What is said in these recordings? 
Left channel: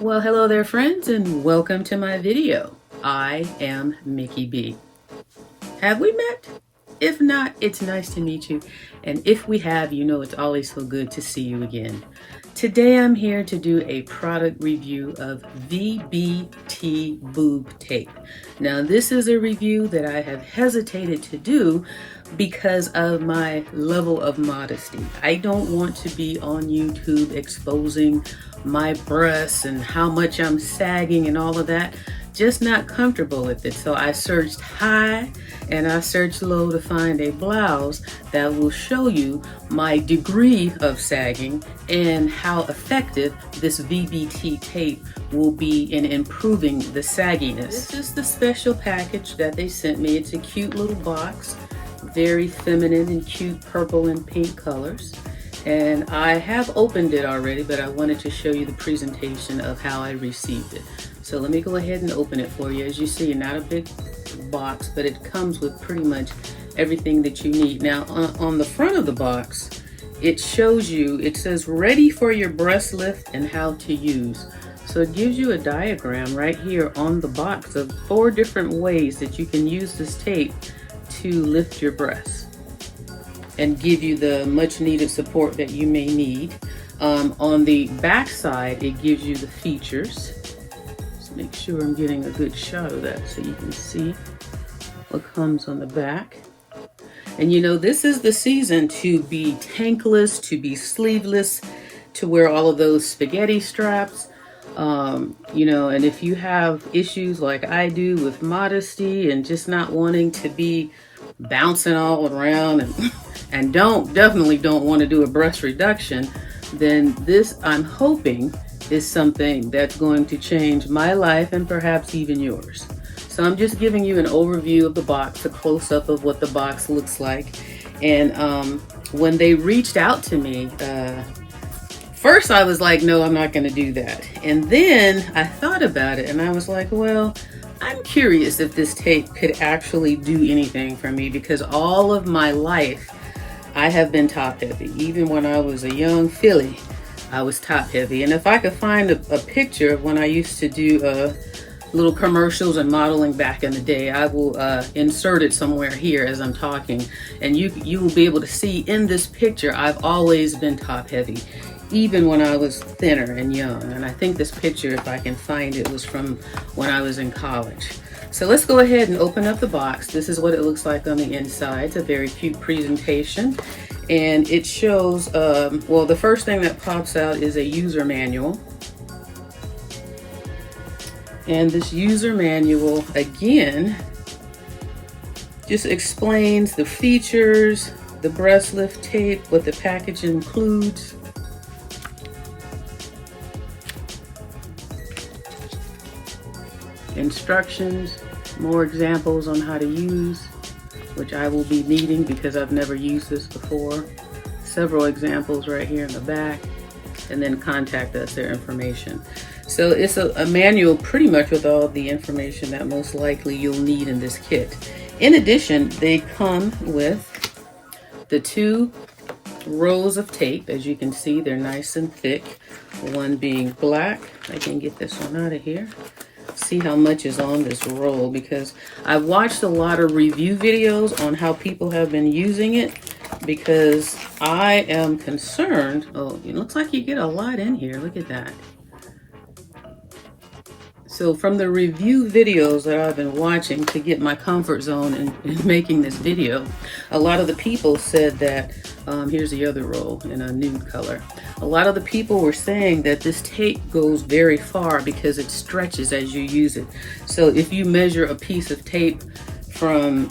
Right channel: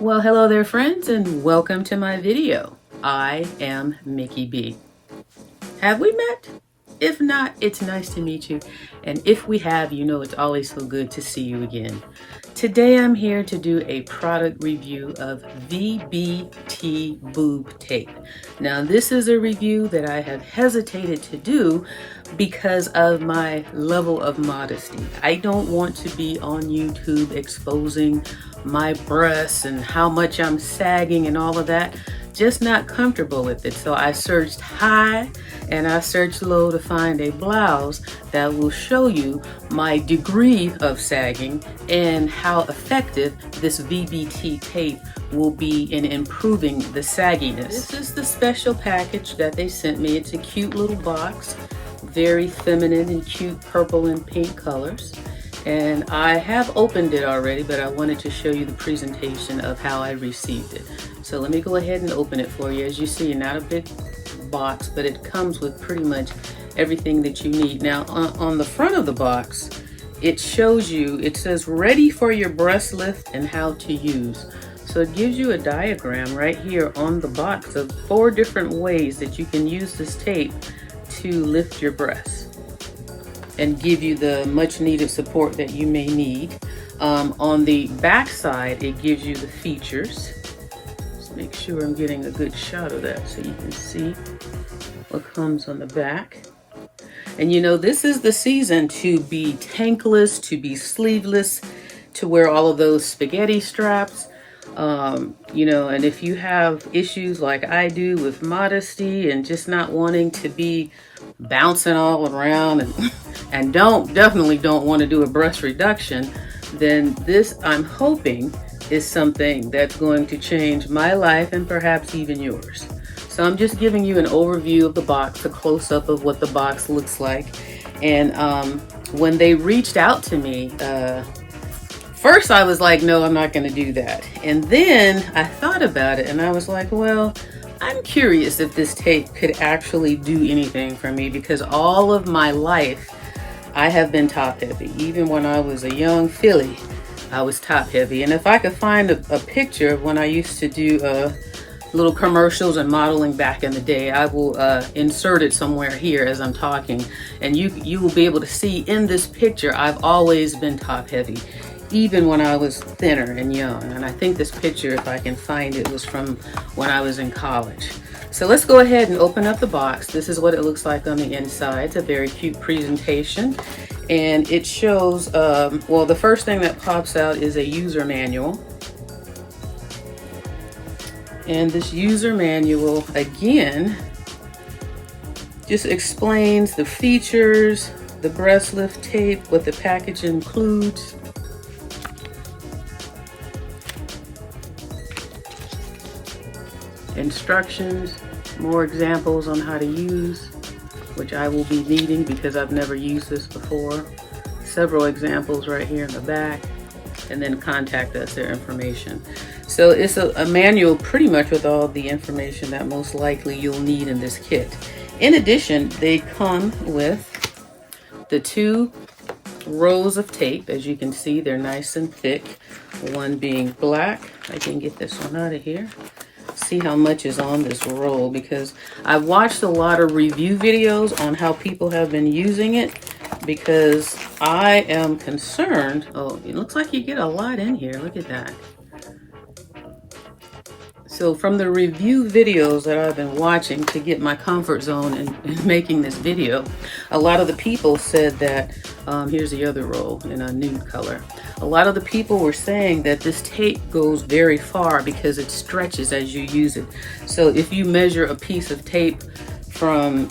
Well, hello there friends, and welcome to my video. I am Mickey B. Have we met? If not, it's nice to meet you. And if we have, you know it's always so good to see you again. Today I'm here to do a product review of VBT Boob Tape. Now this is a review that I have hesitated to do because of my level of modesty. I don't want to be on YouTube exposing my breasts and how much I'm sagging and all of that. Just not comfortable with it. So I searched high and I searched low to find a blouse that will show you my degree of sagging and how effective this VBT tape will be in improving the sagginess. This is the special package that they sent me. It's a cute little box, very feminine and cute purple and pink colors. And I have opened it already, but I wanted to show you the presentation of how I received it. So let me go ahead and open it for you. As you see, not a big box, but it comes with pretty much everything that you need. Now on the front of the box, it shows you, it says ready for your breast lift and how to use. So it gives you a diagram right here on the box of 4 different ways that you can use this tape to lift your breasts and give you the much needed support that you may need. On the back side, it gives you the features. Just make sure I'm getting a good shot of that so you can see what comes on the back. And you know, this is the season to be tankless, to be sleeveless, to wear all of those spaghetti straps. You know, and if you have issues like I do with modesty and just not wanting to be bouncing all around and definitely don't want to do a breast reduction, then this, I'm hoping, is something that's going to change my life and perhaps even yours. So I'm just giving you an overview of the box, a close-up of what the box looks like. And when they reached out to me, first I was like, no, I'm not going to do that. And then I thought about it and I was like, well, I'm curious if this tape could actually do anything for me, because all of my life I have been top heavy. Even when I was a young filly, I was top heavy. And if I could find a picture of when I used to do little commercials and modeling back in the day, I will insert it somewhere here as I'm talking. And you will be able to see in this picture, I've always been top heavy, even when I was thinner and young. And I think this picture, if I can find it, was from when I was in college. So let's go ahead and open up the box. This is what it looks like on the inside. It's a very cute presentation. And it shows, well, the first thing that pops out is a user manual. And this user manual, again, just explains the features, the breast lift tape, what the package includes. Instructions, more examples on how to use, which I will be needing because I've never used this before. Several examples right here in the back, and then contact us, their information. So it's a manual pretty much with all the information that most likely you'll need in this kit. In addition, they come with the 2 rows of tape. As you can see, they're nice and thick. One being black. I can get this one out of here. See how much is on this roll, because I've watched a lot of review videos on how people have been using it, because I am concerned. Oh, it looks like you get a lot in here. Look at that. So from the review videos that I've been watching to get my comfort zone in making this video, a lot of the people said that, here's the other roll in a nude color. A lot of the people were saying that this tape goes very far because it stretches as you use it. So if you measure a piece of tape from,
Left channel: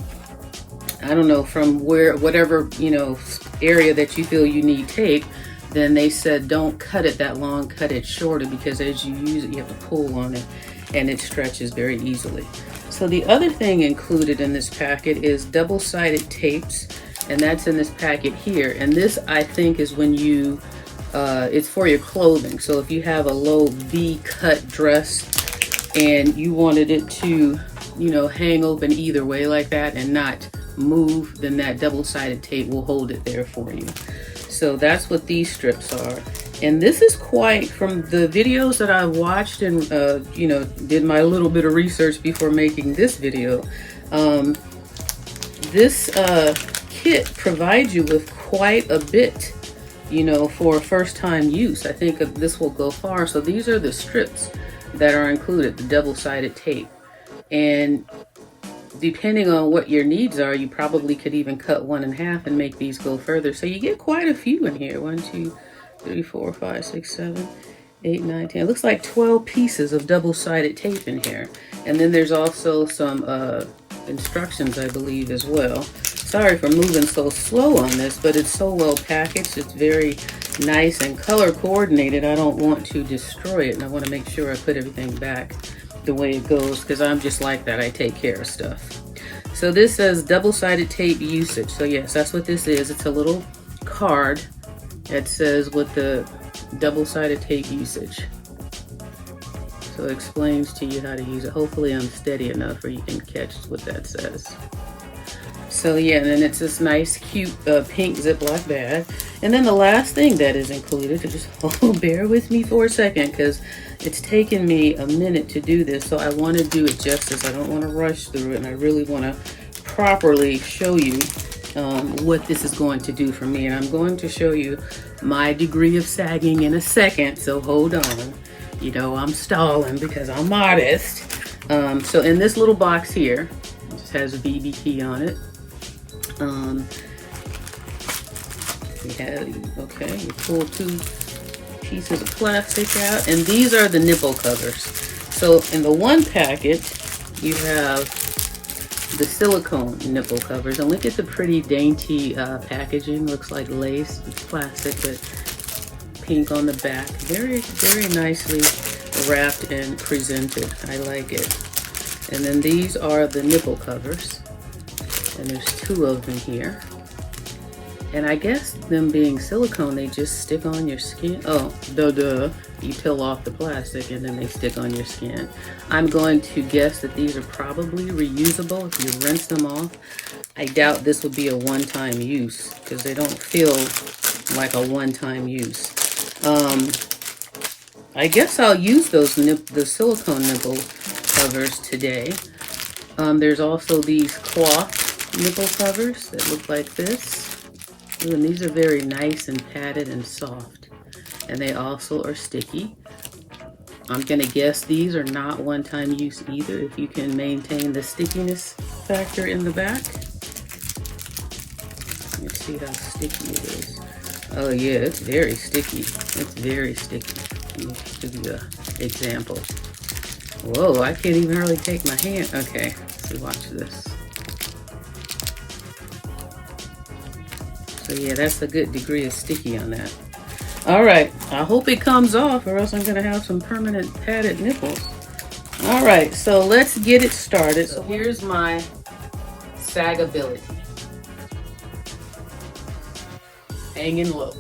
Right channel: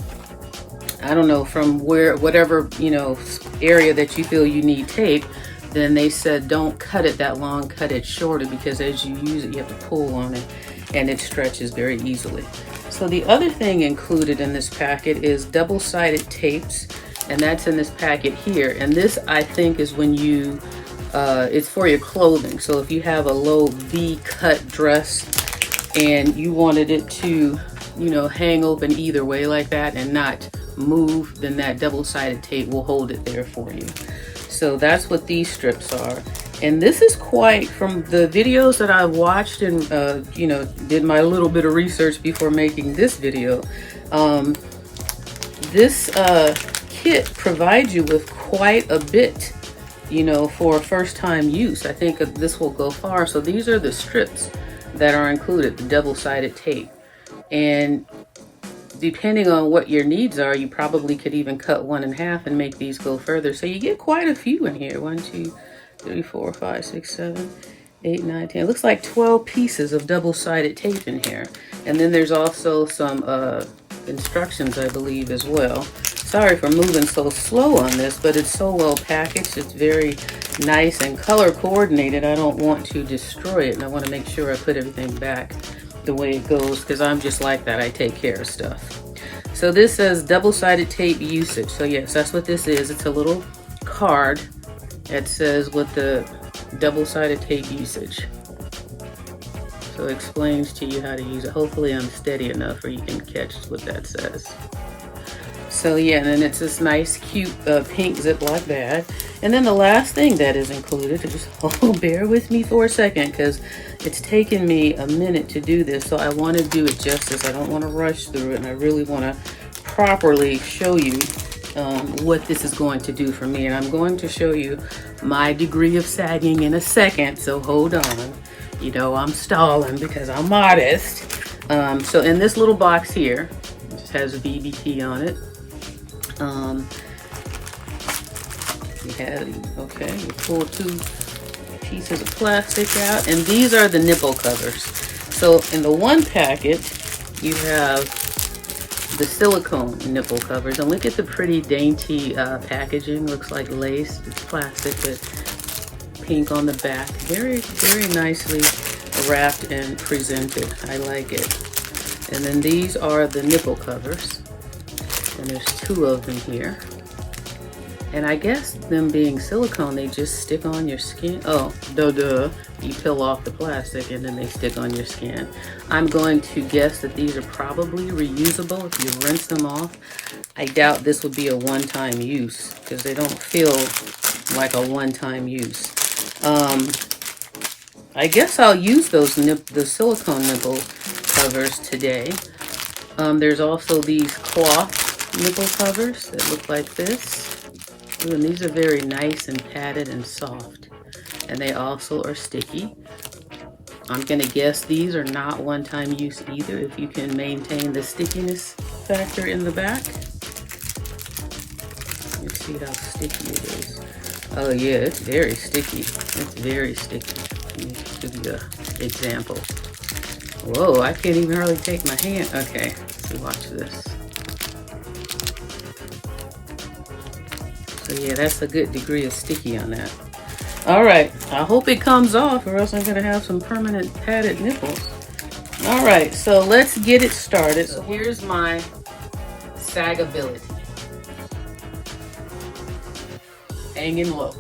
I don't know, from whatever, you know, area that you feel you need tape, then they said don't cut it that long, cut it shorter, because as you use it, you have to pull on it and it stretches very easily. So the other thing included in this packet is double-sided tapes, and that's in this packet here. And this, I think, is when you, it's for your clothing. So if you have a low V-cut dress and you wanted it to, you know, hang open either way like that and not move, then that double-sided tape will hold it there for you. So that's what these strips are. And this is quite, from the videos that I watched and, you know, did my little bit of research before making this video. This kit provides you with quite a bit, you know, for first time use. I think this will go far. So these are the strips that are included, the double-sided tape. And depending on what your needs are, you probably could even cut one in half and make these go further. So you get quite a few in here. 1, 2, 3, 4, 5, 6, 7, 8, 9, 10. It looks like 12 pieces of double-sided tape in here. And then there's also some instructions, I believe, as well. Sorry for moving so slow on this, but it's so well packaged. It's very nice and color coordinated. I don't want to destroy it, and I want to make sure I put everything back the way it goes, because I'm just like that. I take care of stuff. So this says double-sided tape usage. So yes, that's what this is. It's a little card that says what the double-sided tape usage. So it explains to you how to use it. Hopefully I'm steady enough where you can catch what that says. So yeah, and then it's this nice, cute pink Ziploc bag. And then the last thing that is included, just bear with me for a second, because it's taken me a minute to do this. So I want to do it justice. I don't want to rush through it, and I really want to properly show you what this is going to do for me. And I'm going to show you my degree of sagging in a second, so hold on. You know, I'm stalling because I'm modest. So in this little box here, it just has a VBT on it. We pull 2 pieces of plastic out, and these are the nipple covers. So in the one packet, you have the silicone nipple covers, and look at the pretty dainty packaging. Looks like lace. It's plastic, but pink on the back. Very, very nicely wrapped and presented. I like it. And then these are the nipple covers, and there's 2 of them here. And I guess them being silicone, they just stick on your skin. Oh, duh. You peel off the plastic and then they stick on your skin. I'm going to guess that these are probably reusable if you rinse them off. I doubt this would be a one-time use because they don't feel like a one-time use. I guess I'll use those the silicone nipple covers today. There's also these cloth nipple covers that look like this. Ooh, and these are very nice and padded and soft. And they also are sticky. I'm gonna guess these are not one-time use either if you can maintain the stickiness factor in the back. Let's see how sticky it is. Oh yeah, it's very sticky. It's very sticky. Let me give you an example. Whoa, I can't even hardly take my hand. Okay, so watch this. So yeah, that's a good degree of sticky on that. All right, I hope it comes off or else I'm gonna have some permanent padded nipples. All right, so let's get it started. So here's my sagability. Hanging low.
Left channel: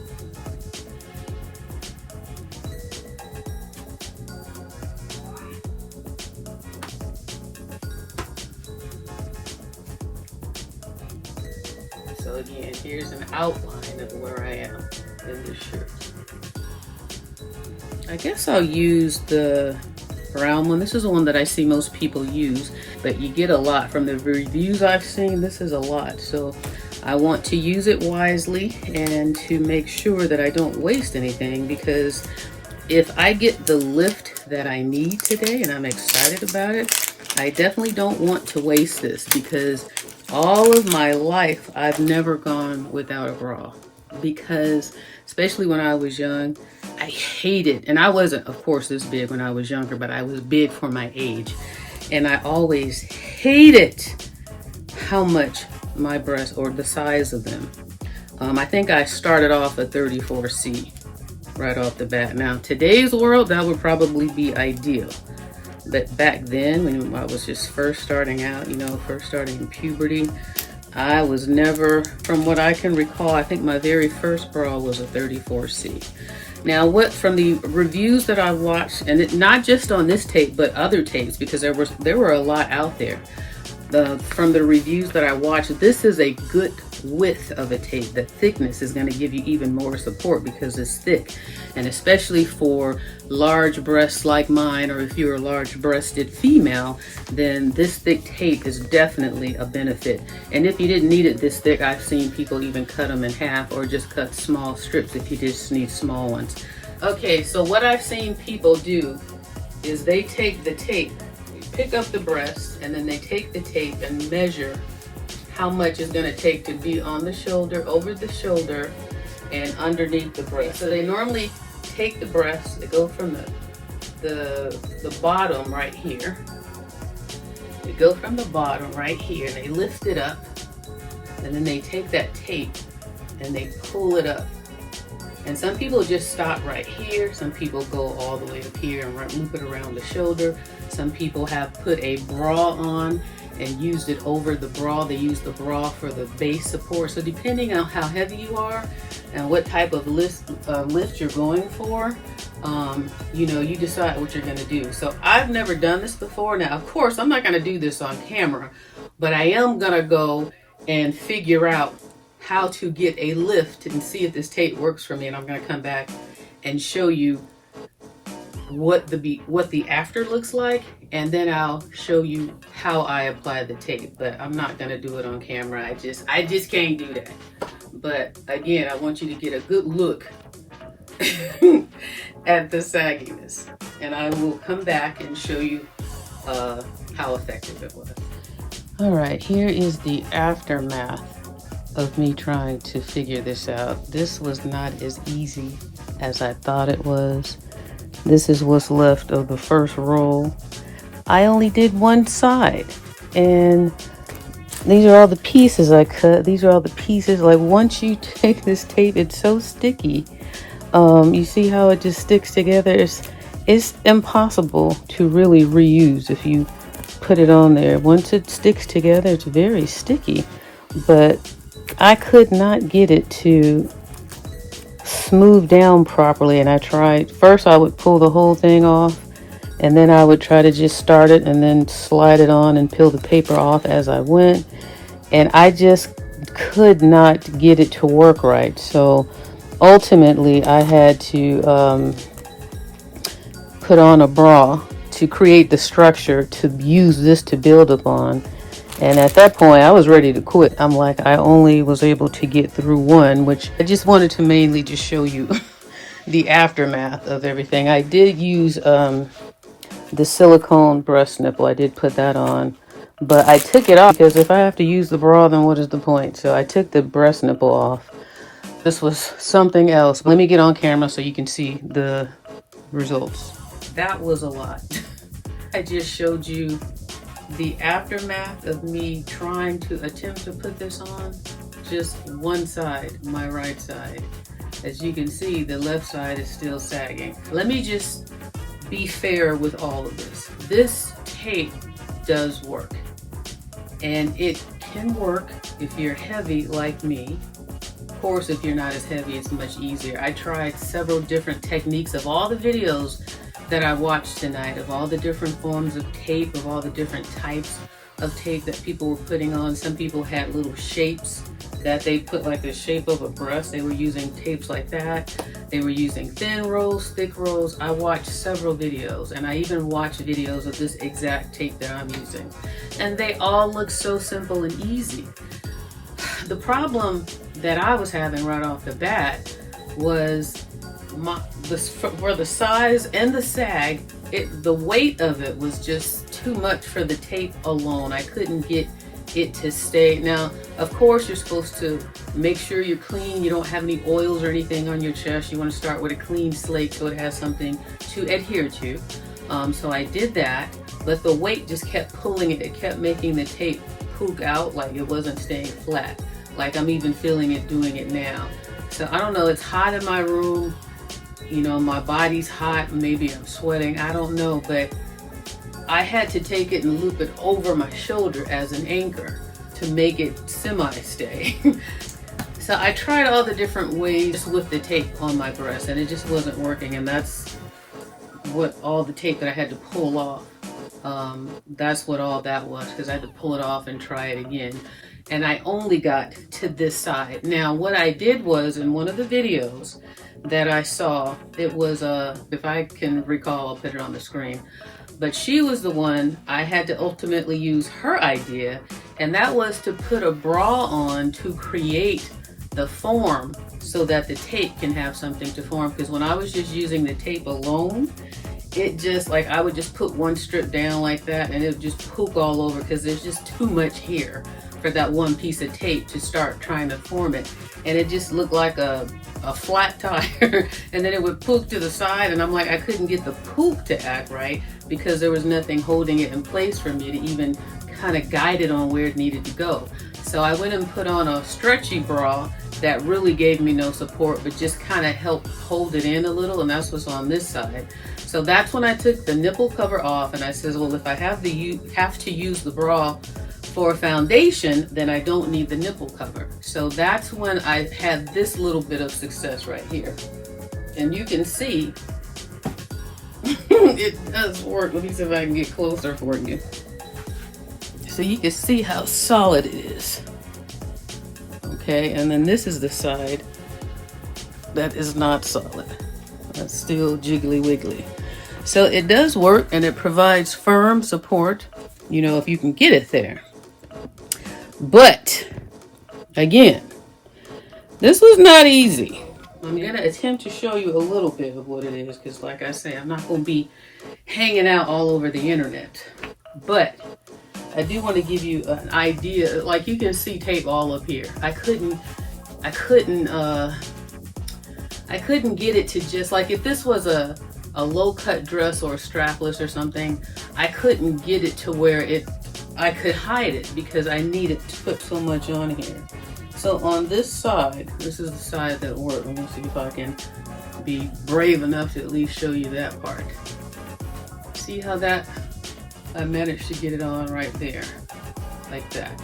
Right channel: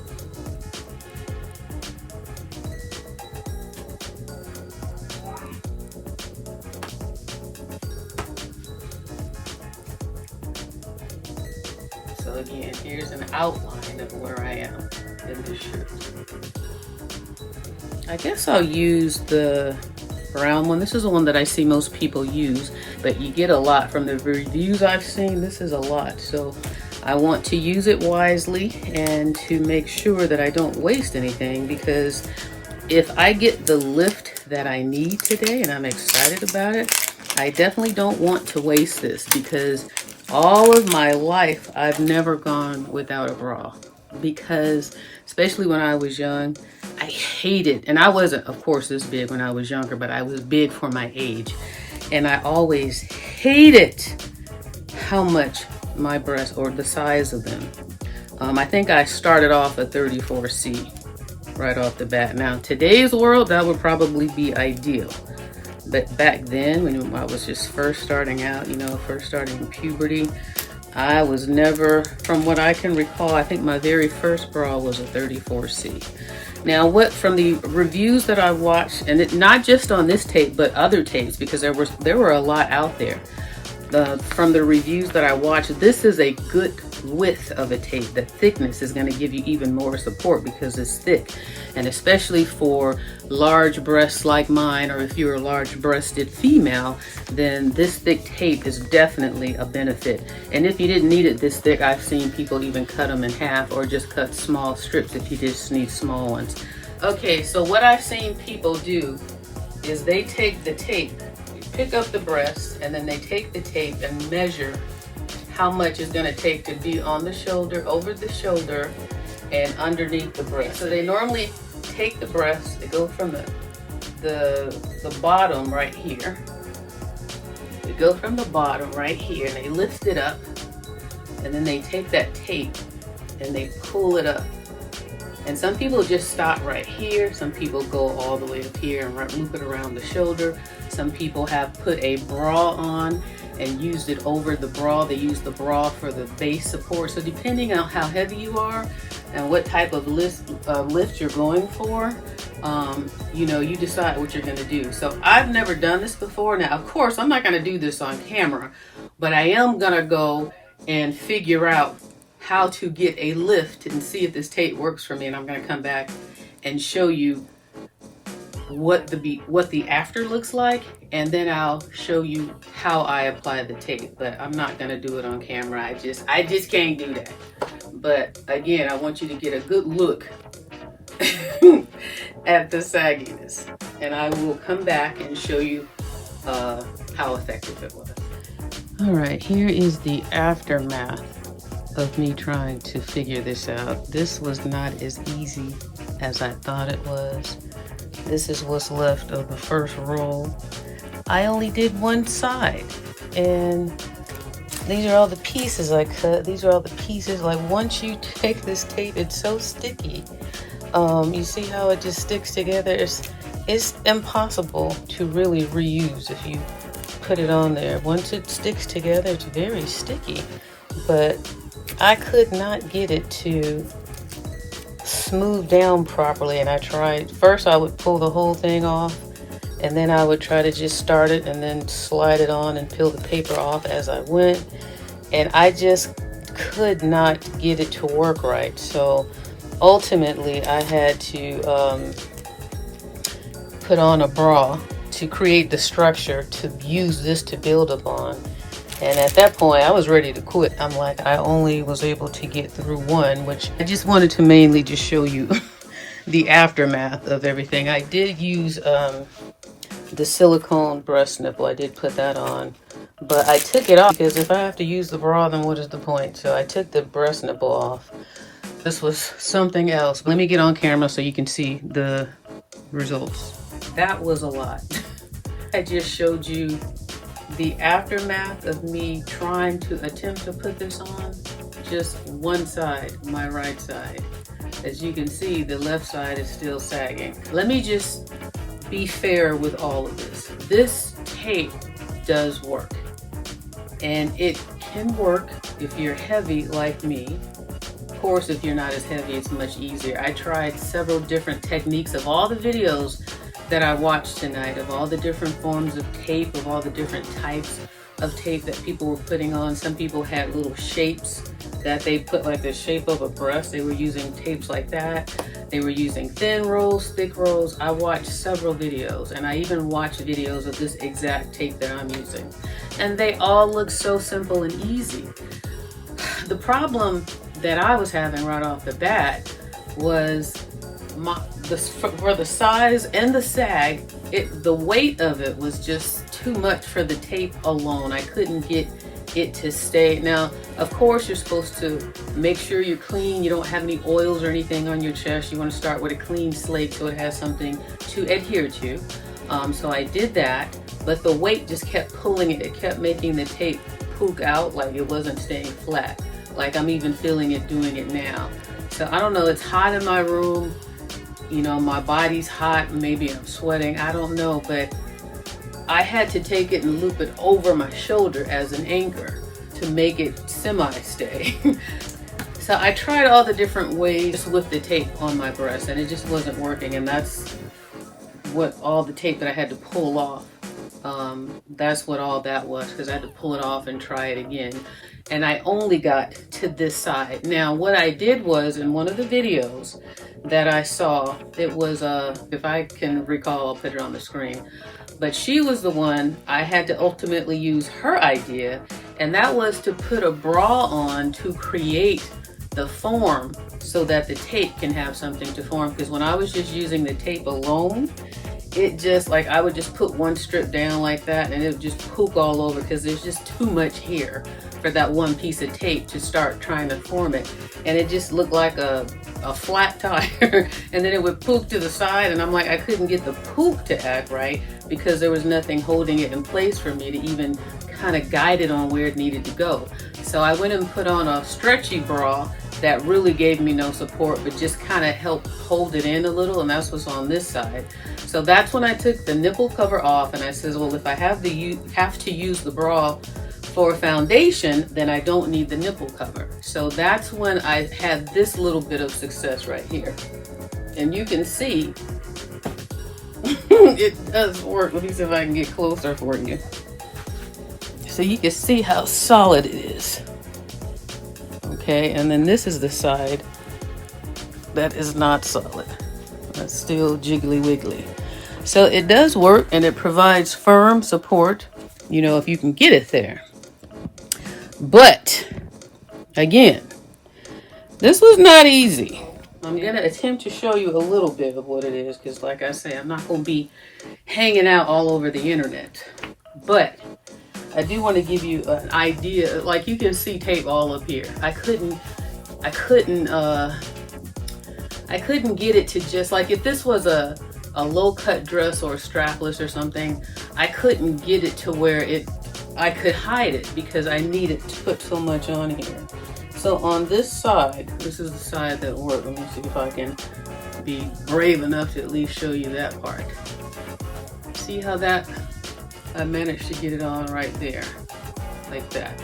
So again, here's an outline of where I am in this shirt. I guess I'll use the brown one. This is the one that I see most people use, but you get a lot from the reviews I've seen. This is a lot, so I want to use it wisely and to make sure that I don't waste anything, because if I get the lift that I need today and I'm excited about it, I definitely don't want to waste this, because all of my life I've never gone without a bra, because especially when I was young, I hated, and I wasn't of course this big when I was younger, but I was big for my age, and I always hated how much my breasts, or the size of them. I think I started off a 34C right off the bat. Now today's world, that would probably be ideal, but back then when I was just first starting out, you know, first starting puberty, I was never, from what I can recall, I think my very first bra was a 34C. Now what, from the reviews that I've watched, and it, not just on this tape but other tapes, because there were a lot out there, from the reviews that I watched, this is a good width of a tape, the thickness is going to give you even more support because it's thick. And especially for large breasts like mine, or if you're a large-breasted female, then this thick tape is definitely a benefit. And if you didn't need it this thick, I've seen people even cut them in half or just cut small strips if you just need small ones. Okay, so what I've seen people do is they take the tape, pick up the breast, and then they take the tape and measure how much it's going to take to be on the shoulder, over the shoulder, and underneath the breast. So they normally take the breast, they go from the bottom right here. They go from the bottom right here, and they lift it up, and then they take that tape and they pull it up. And some people just stop right here. Some people go all the way up here and loop it around the shoulder. Some people have put a bra on and used it over the bra. They use the bra for the base support. So depending on how heavy you are and what type of lift you're going for, you know, you decide what you're gonna do. So I've never done this before. Now, of course, I'm not gonna do this on camera, but I am gonna go and figure out how to get a lift and see if this tape works for me. And I'm gonna come back and show you what the after looks like, and then I'll show you how I apply the tape. But I'm not gonna do it on camera. I just can't do that. But again, I want you to get a good look at the sagginess, and I will come back and show you how effective it was. All right, here is the aftermath of me trying to figure this out. This was not as easy as I thought it was. This is what's left of the first roll. I only did one side, and these are all the pieces I cut. These are all the pieces. Like, once you take this tape, it's so sticky. You see how it just sticks together? It's impossible to really reuse if you put it on there. Once it sticks together, it's very sticky. But I could not get it to smooth down properly, and I tried. First I would pull the whole thing off, and then I would try to just start it and then slide it on and peel the paper off as I went, and I just could not get it to work right. So ultimately I had to put on a bra to create the structure to use this to build upon. And at that point, I was ready to quit. I'm like, I only was able to get through one, which I just wanted to mainly just show you the aftermath of everything. I did use the silicone breast nipple. I did put that on, but I took it off because if I have to use the bra, then what is the point? So I took the breast nipple off. This was something else. Let me get on camera so you can see the results. That was a lot. I just showed you the aftermath of me trying to attempt to put this on. Just one side, my right side. As you can see, the left side is still sagging. Let me just be fair with all of this. This tape does work, and it can work if you're heavy like me. Of course, if you're not as heavy, it's much easier. I tried several different techniques of all the videos that I watched tonight, of all the different forms of tape, of all the different types of tape that people were putting on. Some people had little shapes that they put, like the shape of a breast. They were using tapes like that. They were using thin rolls, thick rolls. I watched several videos, and I even watched videos of this exact tape that I'm using. And they all look so simple and easy. The problem that I was having right off the bat was for the size and the sag, the weight of it was just too much for the tape alone. I couldn't get it to stay. Now, of course, you're supposed to make sure you're clean. You don't have any oils or anything on your chest. You want to start with a clean slate so it has something to adhere to. So I did that, but the weight just kept pulling it. It kept making the tape poke out, like it wasn't staying flat. Like I'm even feeling it doing it now. So I don't know, it's hot in my room. You know, my body's hot, maybe I'm sweating, I don't know, but I had to take it and loop it over my shoulder as an anchor to make it semi-stay. So I tried all the different ways with the tape on my breast, and it just wasn't working, and that's what all the tape that I had to pull off. That's what all that was, because I had to pull it off and try it again. and I only got to this side. Now, what I did was, in one of the videos that I saw, it was, if I can recall, I'll put it on the screen, but she was the one, I had to ultimately use her idea, and that was to put a bra on to create the form so that the tape can have something to form. Because when I was just using the tape alone, it just, like, I would just put one strip down like that and it would just poop all over because there's just too much here for that one piece of tape to start trying to form it. And it just looked like a flat tire and then it would poop to the side, and I'm like, I couldn't get the poop to act right because there was nothing holding it in place for me to even kind of guide it on where it needed to go. So I went and put on a stretchy bra that really gave me no support, but just kind of helped hold it in a little, and that's what's on this side. So that's when I took the nipple cover off, and I said, well, if I have to use the bra for foundation, then I don't need the nipple cover. So that's when I had this little bit of success right here. And you can see it does work. Let me see if I can get closer for you. So you can see how solid it is. Okay, and then this is the side that is not solid. That's still jiggly wiggly. So it does work, and it provides firm support, you know, if you can get it there. But again, this was not easy. I'm going to attempt to show you a little bit of what it is, because like I say, I'm not going to be hanging out all over the internet. But I do want to give you an idea. Like, you can see tape all up here. I couldn't get it to just, like, if this was a low cut dress or strapless or something, I couldn't get it to where I could hide it because I needed to put so much on here. So on this side, this is the side that worked. Let me see if I can be brave enough to at least show you that part. See how that, I managed to get it on right there, like that,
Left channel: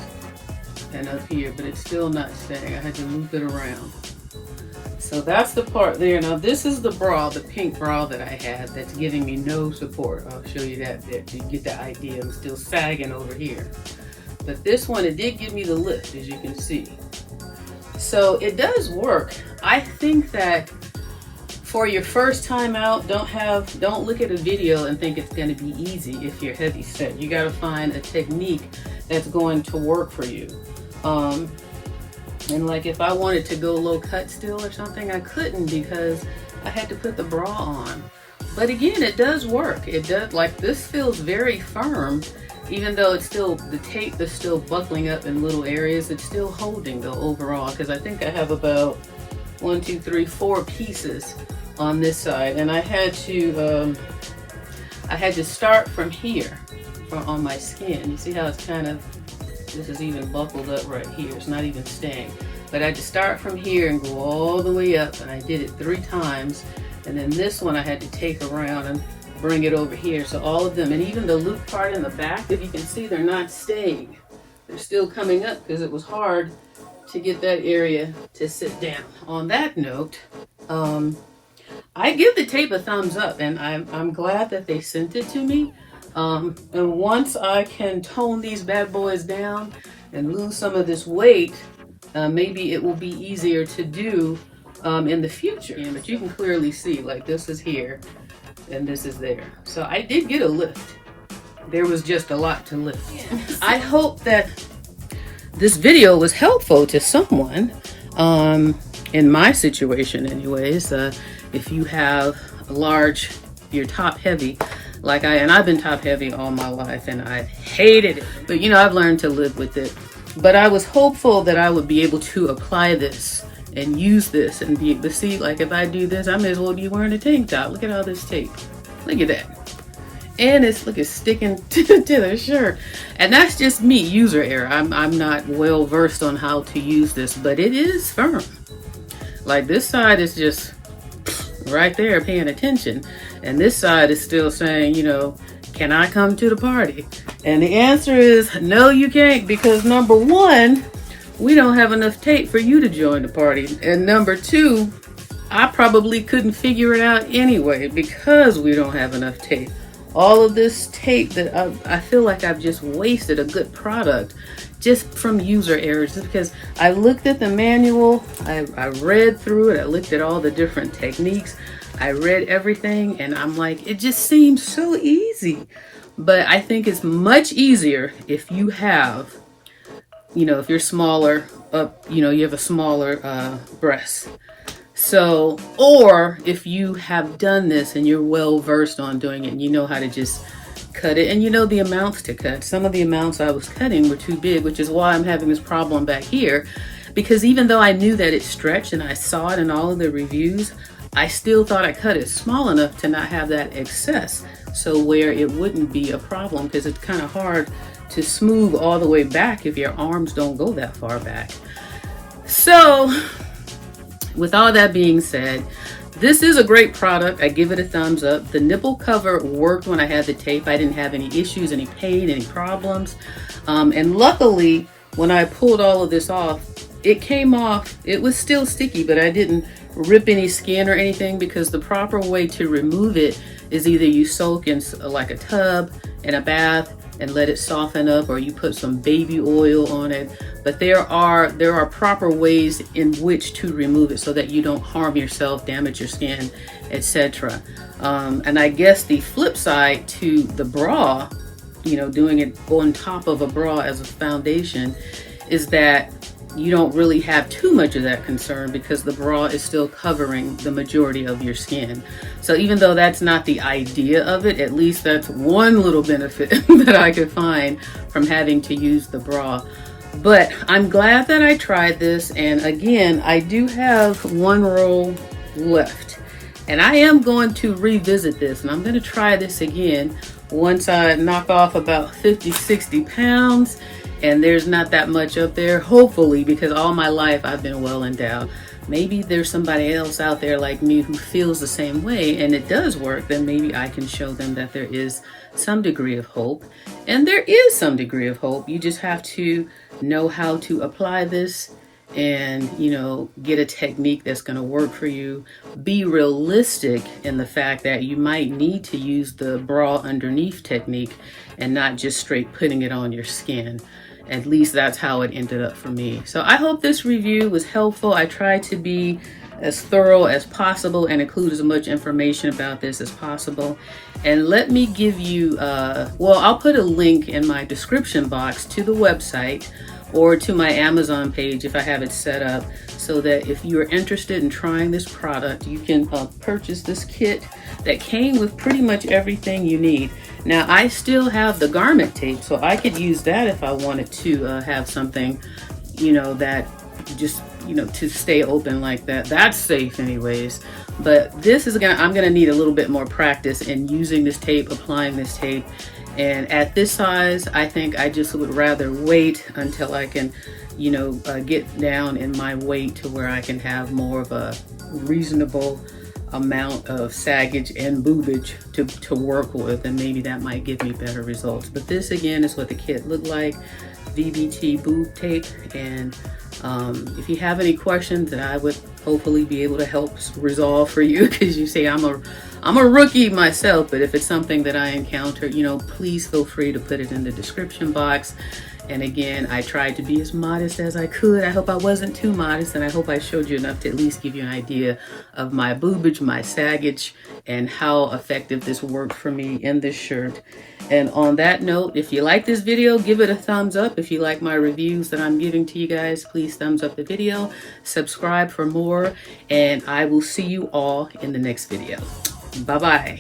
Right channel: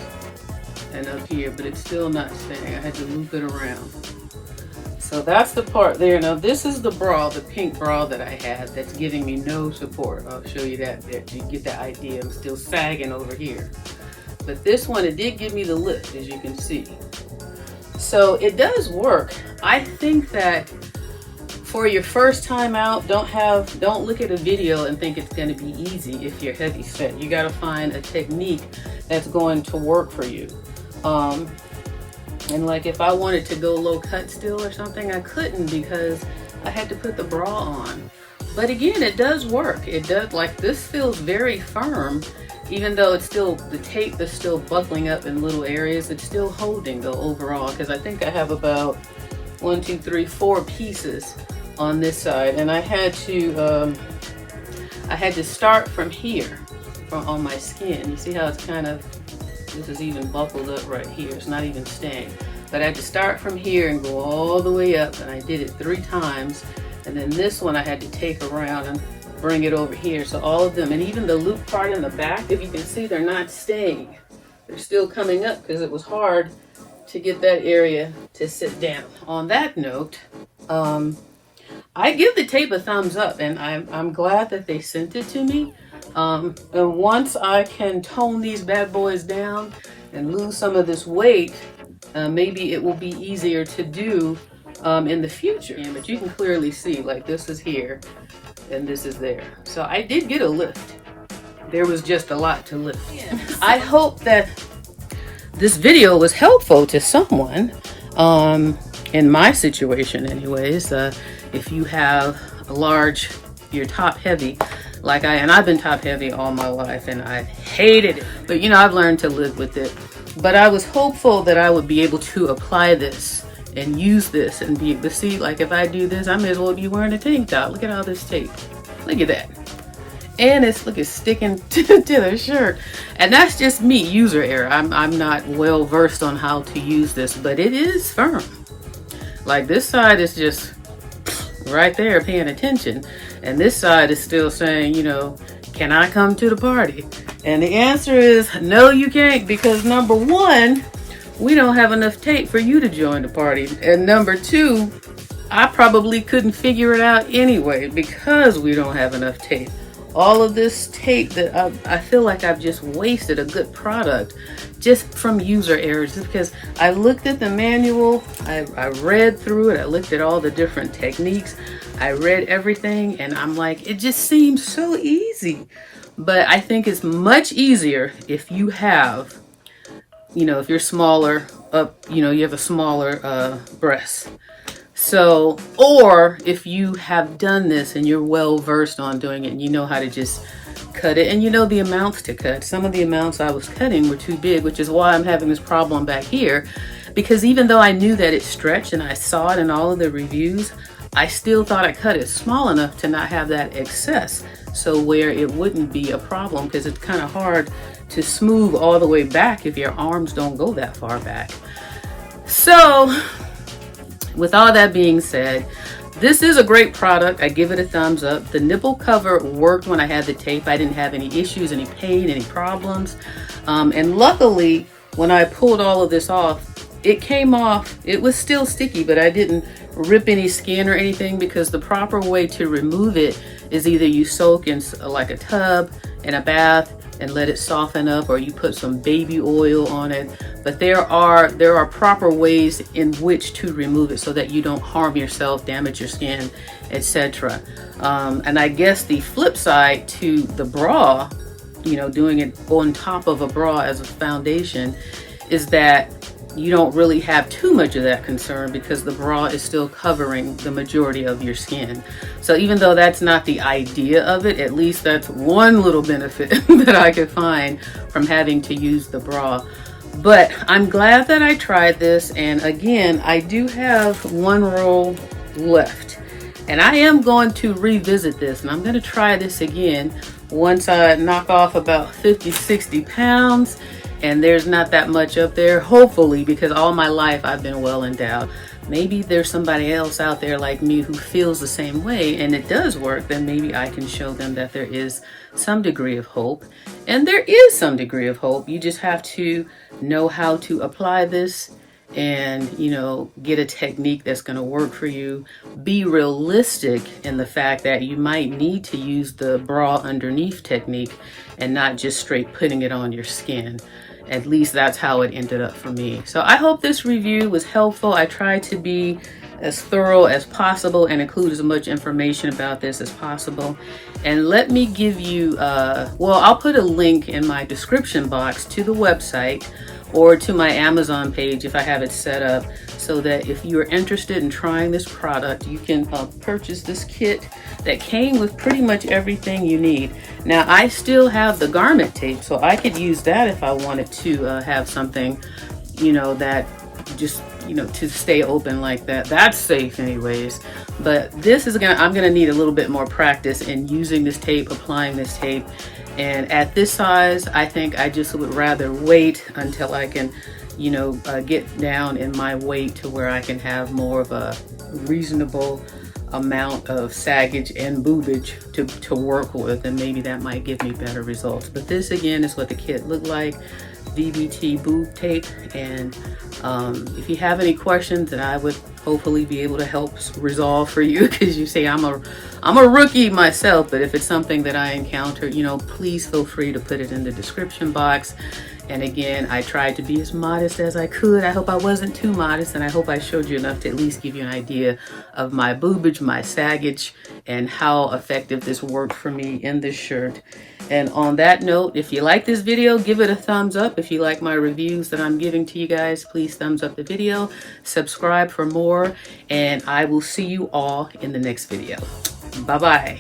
and up here, but it's still not staying. I had to loop it around. So that's the part there. Now this is the bra, the pink bra that I had that's giving me no support. I'll show you that bit. You get the idea. I'm still sagging over here. But this one, it did give me the lift, as you can see. So it does work. I think that for your first time out, don't look at a video and think it's going to be easy if you're heavy set. You got to find a technique that's going to work for you. And like, if I wanted to go low cut still or something, I couldn't because I had to put the bra on. But again, it does work. It does, like, this feels very firm, even though it's still, the tape is still buckling up in little areas. It's still holding though overall, because I think I have about 1, 2, 3, 4 pieces on this side, and I had to start from here, on my skin. You see how it's kind of, this is even buckled up right here. It's not even staying. But I had to start from here and go all the way up, and I did it 3 times. And then this one I had to take around and bring it over here. So all of them, and even the loop part in the back, if you can see, they're not staying. They're still coming up because it was hard to get that area to sit down. On that note, I give the tape a thumbs up, and I'm glad that they sent it to me. And once I can tone these bad boys down and lose some of this weight, maybe it will be easier to do in the future. But you can clearly see, like, this is here and this is there. So I did get a lift. There was just a lot to lift. I hope that this video was helpful to someone, in my situation anyways. If you have a large, you're top heavy, like and I've been top heavy all my life and I've hated it, but you know, I've learned to live with it. But I was hopeful that I would be able to apply this and use this and be able to see, like, if I do this, I may as well be wearing a tank top. Look at all this tape. Look at that. And it's sticking to the shirt. And that's just me, user error. I'm not well versed on how to use this, but it is firm. Like, this side is just right there paying attention, and this side is still saying, you know, can I come to the party? And the answer is no, you can't, because number 1, we don't have enough tape for you to join the party, and number 2, I probably couldn't figure it out anyway because we don't have enough tape. all of this tape that I feel like I've just wasted a good product just from user errors, because I looked at the manual, I read through it, I looked at all the different techniques, I read everything, and I'm like, it just seems so easy. But I think it's much easier if you have, if you're smaller, you have a smaller breast. So, or if you have done this and you're well versed on doing it and you know how to just cut it and you know the amounts to cut. Some of the amounts I was cutting were too big, which is why I'm having this problem back here, because even though I knew that it stretched and I saw it in all of the reviews, I still thought I cut it small enough to not have that excess, so where it wouldn't be a problem, because it's kind of hard to smooth all the way back if your arms don't go that far back. So with all that being said, this is a great product. I give it a thumbs up. The nipple cover worked when I had the tape. I didn't have any issues, any pain, any problems. And luckily, when I pulled all of this off, it came off. It was still sticky, but I didn't rip any skin or anything, because the proper way to remove it is either you soak in like a tub in a bath and let it soften up, or you put some baby oil on it. But there are proper ways in which to remove it so that you don't harm yourself, damage your skin, etc. And I guess the flip side to the bra, doing it on top of a bra as a foundation, is that you don't really have too much of that concern, because the bra is still covering the majority of your skin. So even though that's not the idea of it, at least that's one little benefit that I could find from having to use the bra. But I'm glad that I tried this, and again, I do have one roll left, and I am going to revisit this, and I'm going to try this again once I knock off about 50-60 pounds, and there's not that much up there, hopefully, because all my life I've been well endowed. Maybe there's somebody else out there like me who feels the same way and it does work, then maybe I can show them that there is some degree of hope. And there is some degree of hope. You just have to know how to apply this and, get a technique that's going to work for you. Be realistic in the fact that you might need to use the bra underneath technique and not just straight putting it on your skin. At least that's how it ended up for me. So I hope this review was helpful. I tried to be as thorough as possible and include as much information about this as possible. And let me give you, I'll put a link in my description box to the website or to my Amazon page if I have it set up, so that if you're interested in trying this product, you can purchase this kit that came with pretty much everything you need. Now, I still have the garment tape, so I could use that if I wanted to have something, that just, to stay open like that. That's safe anyways. But this is I'm gonna need a little bit more practice in using this tape, applying this tape. And at this size, I think I just would rather wait until I can, get down in my weight to where I can have more of a reasonable amount of saggage and boobage to work with, and maybe that might give me better results. But this again is what the kit looked like, VBT boob tape. And if you have any questions, that I would hopefully be able to help resolve for you, because you say I'm a rookie myself, but if it's something that I encounter, please feel free to put it in the description box. And again, I tried to be as modest as I could. I hope I wasn't too modest, and I hope I showed you enough to at least give you an idea of my boobage, my saggage, and how effective this worked for me in this shirt. And on that note, if you like this video, give it a thumbs up. If you like my reviews that I'm giving to you guys, please thumbs up the video, subscribe for more, and I will see you all in the next video. Bye-bye.